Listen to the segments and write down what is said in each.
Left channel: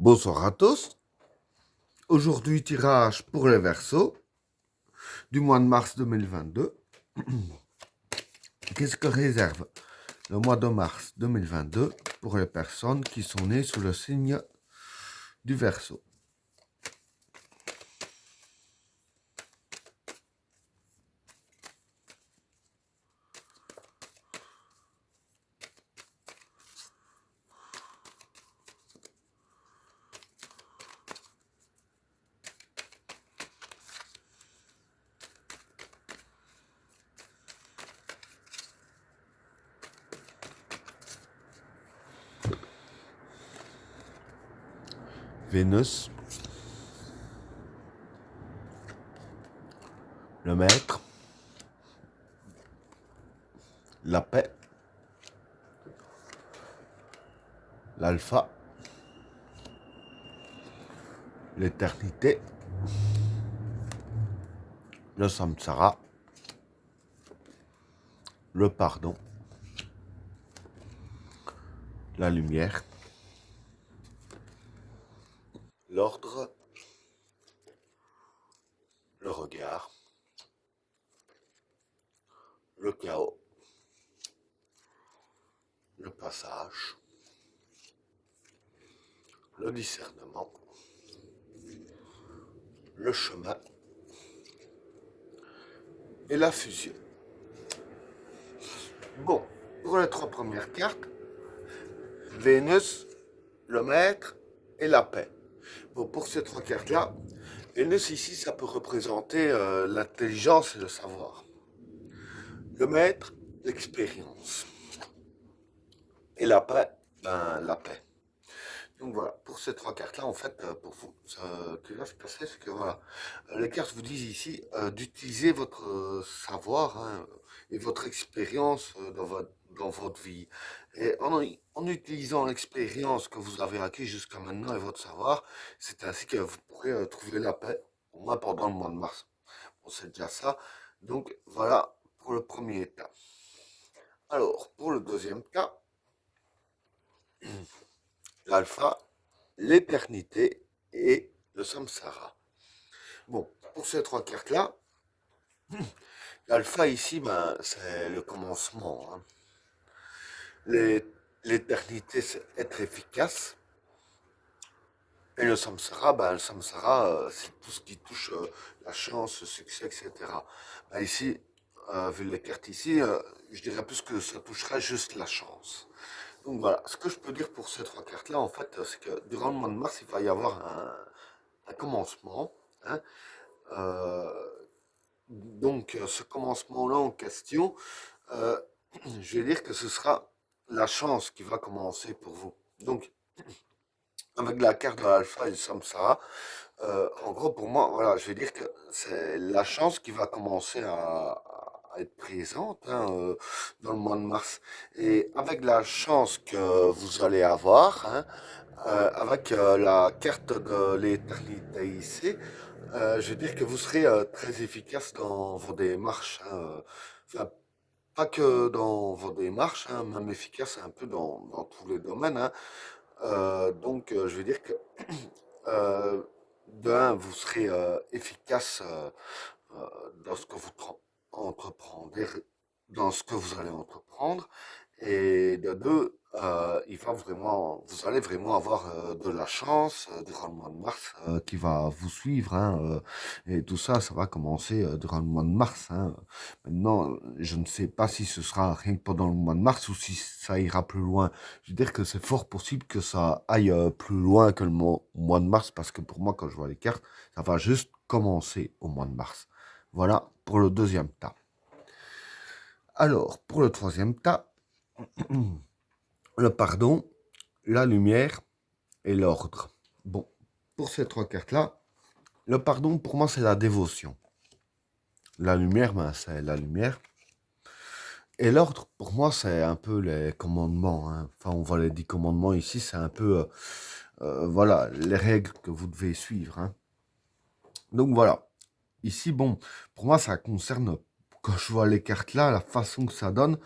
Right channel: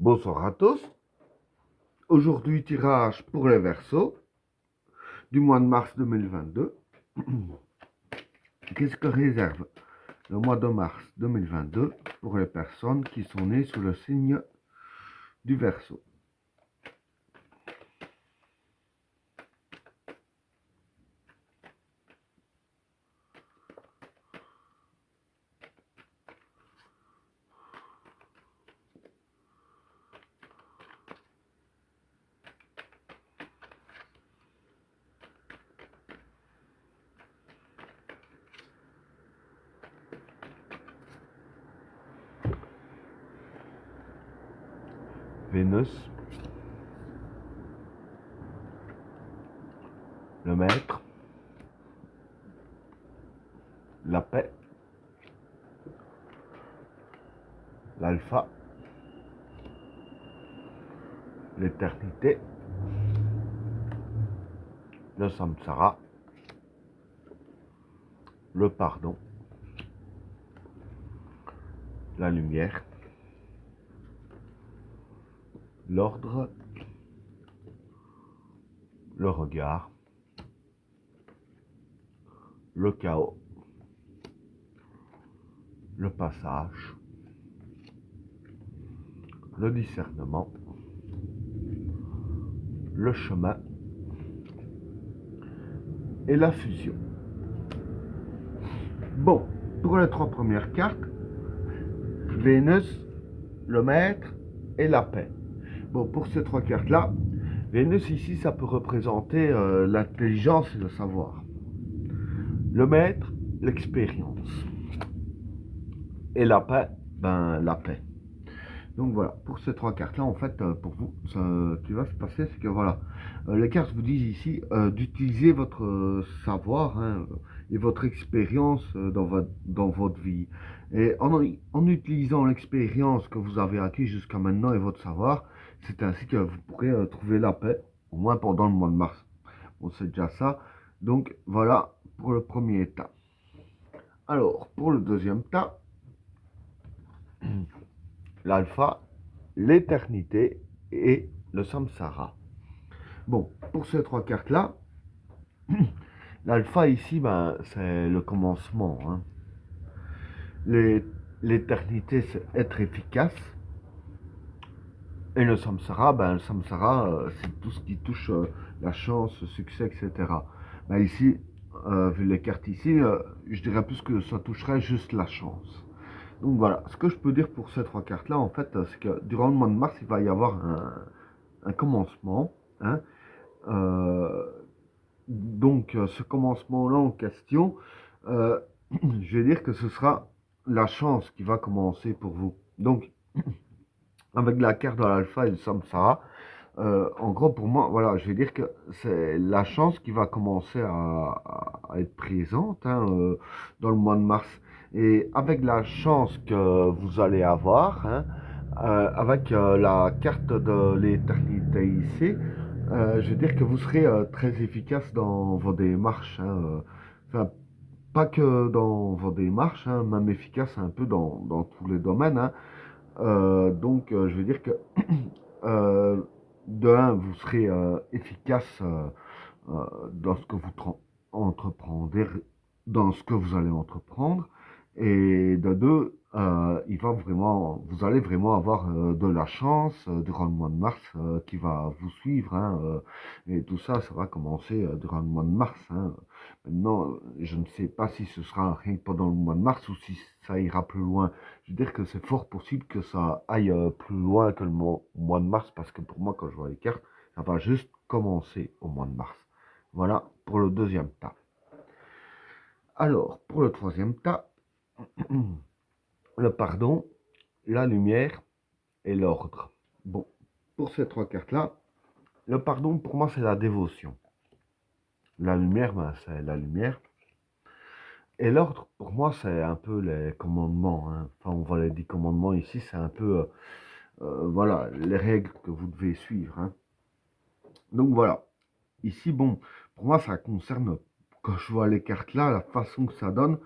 Bonsoir à tous. Aujourd'hui, tirage pour les Verseaux du mois de mars 2022. Qu'est-ce que réserve le mois de mars 2022 pour les personnes qui sont nées sous le signe du Verseau? Vénus, le maître, la paix, l'alpha, l'éternité, le samsara, le pardon, la lumière, l'ordre, le regard, le chaos, le passage, le discernement, le chemin et la fusion. Bon, pour les trois premières cartes, Vénus, le maître et la paix. Bon, pour ces trois cartes-là, Vénus ici, ça peut représenter l'intelligence et le savoir. Le maître, l'expérience. Et la paix, ben la paix. Donc voilà, pour ces trois cartes-là, en fait, pour vous, ce qui va se passer, c'est que voilà, les cartes vous disent ici d'utiliser votre savoir hein, et votre expérience dans votre vie. Et en utilisant l'expérience que vous avez acquise jusqu'à maintenant et votre savoir, c'est ainsi que vous pourrez trouver la paix, au moins pendant le mois de mars. Bon, c'est déjà ça. Donc voilà pour le premier tas. Alors, pour le deuxième tas, l'alpha, l'éternité et le samsara. Bon, pour ces trois cartes-là, l'alpha ici, ben, c'est le commencement. Hein. L'éternité, c'est être efficace. Et le samsara c'est tout ce qui touche la chance, le succès, etc. Ben, ici, vu les cartes ici, je dirais plus que ça toucherait juste la chance. Donc voilà, ce que je peux dire pour ces trois cartes-là, en fait, c'est que durant le mois de mars, il va y avoir un commencement. Hein. Euh, donc, ce commencement-là en question, euh, je vais dire que ce sera la chance qui va commencer pour vous. Donc, avec la carte de l'alpha et le samsara, en gros, pour moi, voilà, je vais dire que c'est la chance qui va commencer à être présente hein, dans le mois de mars. Et avec la chance que vous allez avoir, hein, avec la carte de l'éternité ici, je veux dire que vous serez très efficace dans vos démarches. Hein, enfin, pas que dans vos démarches, hein, même efficace un peu dans tous les domaines. Hein. Donc, je veux dire que euh, de un, vous serez efficace dans ce que vous entreprendrez, dans ce que vous allez entreprendre. Et de deux, vous allez vraiment avoir de la chance durant le mois de mars qui va vous suivre. Hein, et tout ça, ça va commencer durant le mois de mars. Hein. Maintenant, je ne sais pas si ce sera rien que pendant le mois de mars ou si ça ira plus loin. Je veux dire que c'est fort possible que ça aille plus loin que le mois de mars parce que pour moi, quand je vois les cartes, ça va juste commencer au mois de mars. Voilà pour le deuxième tas. Alors, pour le troisième tas, le pardon, la lumière et l'ordre. Bon, pour ces trois cartes-là, le pardon, pour moi, c'est la dévotion. La lumière, ben, c'est la lumière. Et l'ordre, pour moi, c'est un peu les commandements. Hein. Enfin, on voit les 10 commandements ici, c'est un peu, voilà, les règles que vous devez suivre. Hein. Donc voilà. Ici, bon, pour moi, ça concerne, quand je vois les cartes là, la façon que ça donne,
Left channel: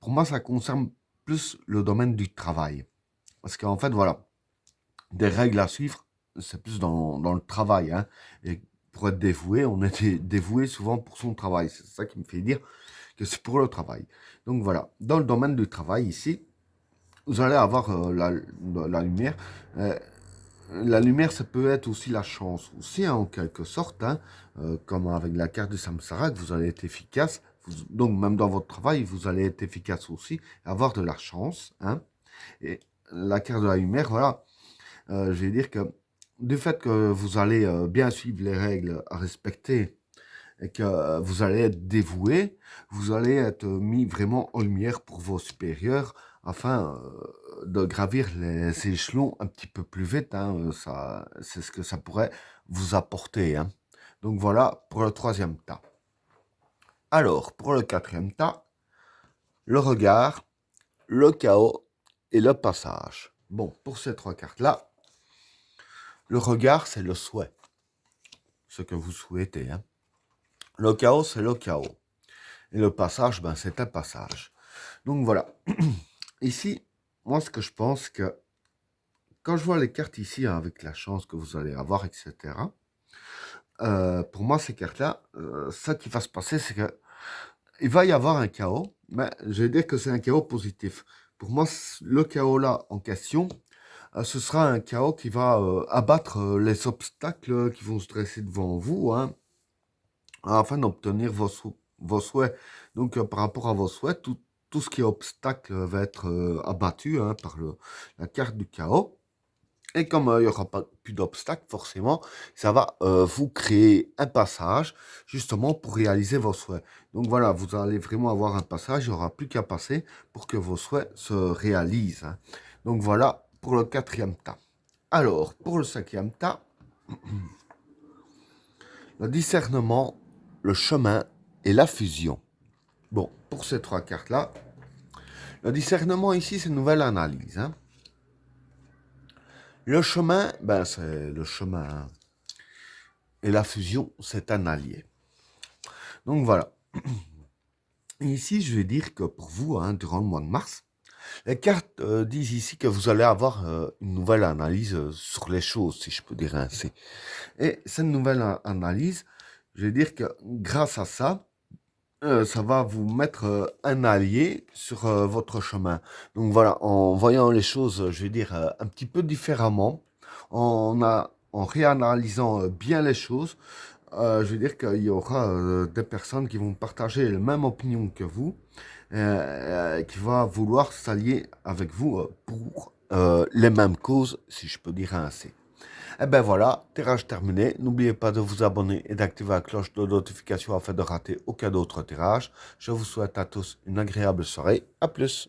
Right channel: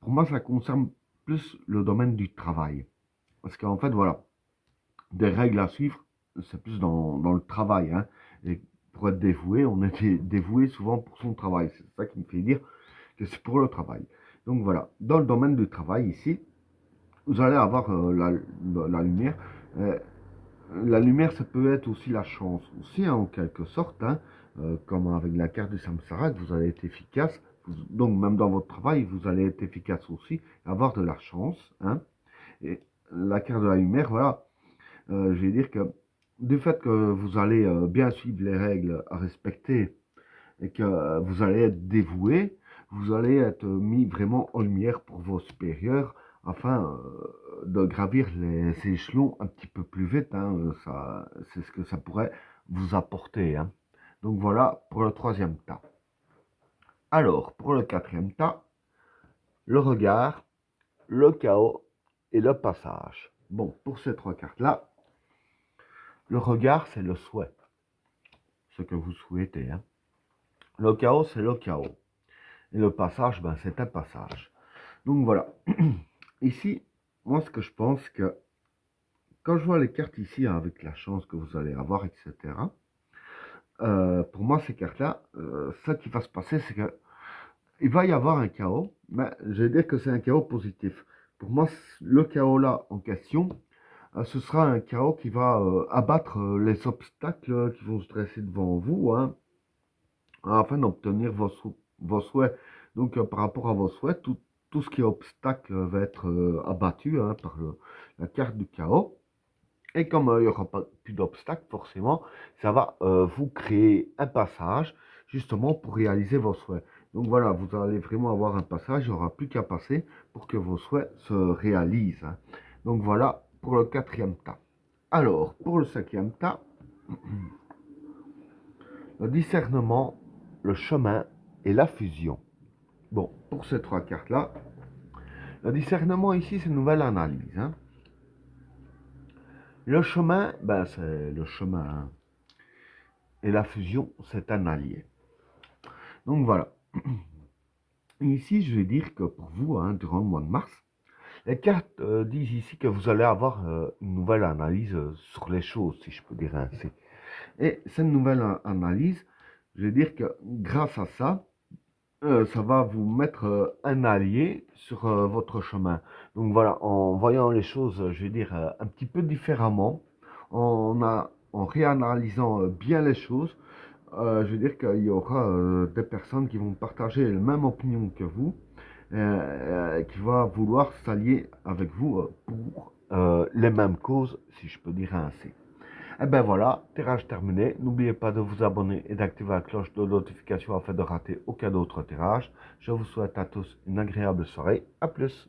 pour moi, ça concerne plus le domaine du travail. Parce qu'en fait, voilà, des règles à suivre, c'est plus dans le travail, hein. Et pour être dévoué, on est dévoué souvent pour son travail. C'est ça qui me fait dire que c'est pour le travail. Donc voilà, dans le domaine du travail ici, vous allez avoir la lumière. Euh, la lumière, ça peut être aussi la chance, aussi, hein, en quelque sorte, hein, comme avec la carte du Samsara, que vous allez être efficace. Donc, même dans votre travail, vous allez être efficace aussi, avoir de la chance, hein. Et la carte de la lumière, voilà, je vais dire que du fait que vous allez bien suivre les règles à respecter et que vous allez être dévoué, vous allez être mis vraiment en lumière pour vos supérieurs afin de gravir les échelons un petit peu plus vite, hein. Ça, c'est ce que ça pourrait vous apporter, hein. Donc voilà pour le troisième tas. Alors, pour le quatrième tas, le regard, le chaos et le passage. Bon, pour ces trois cartes-là, le regard, c'est le souhait, ce que vous souhaitez, hein. Le chaos, c'est le chaos. Et le passage, ben, c'est un passage. Donc voilà. Ici, moi, ce que je pense que quand je vois les cartes ici, hein, avec la chance que vous allez avoir, etc., pour moi, ces cartes-là, ça qui va se passer, c'est que il va y avoir un chaos, mais je vais dire que c'est un chaos positif. Pour moi, le chaos là en question, ce sera un chaos qui va abattre les obstacles qui vont se dresser devant vous, hein, afin d'obtenir vos souhaits. Donc, par rapport à vos souhaits, tout ce qui est obstacle va être abattu, hein, par la carte du chaos. Et comme il n'y aura pas plus d'obstacles, forcément, ça va vous créer un passage, justement, pour réaliser vos souhaits. Donc voilà, vous allez vraiment avoir un passage, il n'y aura plus qu'à passer pour que vos souhaits se réalisent, hein. Donc voilà pour le quatrième tas. Alors, pour le cinquième tas, le discernement, le chemin et la fusion. Bon, pour ces trois cartes-là, le discernement ici, c'est une nouvelle analyse, hein. Le chemin, ben, c'est le chemin. Et la fusion, c'est un allié. Donc voilà. Et ici, je vais dire que pour vous, hein, durant le mois de mars, les cartes disent ici que vous allez avoir une nouvelle analyse sur les choses, si je peux dire ainsi. Et cette nouvelle analyse, je vais dire que grâce à ça, ça va vous mettre un allié sur votre chemin. Donc voilà, en voyant les choses, je vais dire, un petit peu différemment, en réanalysant bien les choses, je veux dire qu'il y aura des personnes qui vont partager la même opinion que vous, qui va vouloir s'allier avec vous pour les mêmes causes, si je peux dire ainsi. Et ben voilà, tirage terminé. N'oubliez pas de vous abonner et d'activer la cloche de notification afin de rater aucun autre tirage. Je vous souhaite à tous une agréable soirée. À plus.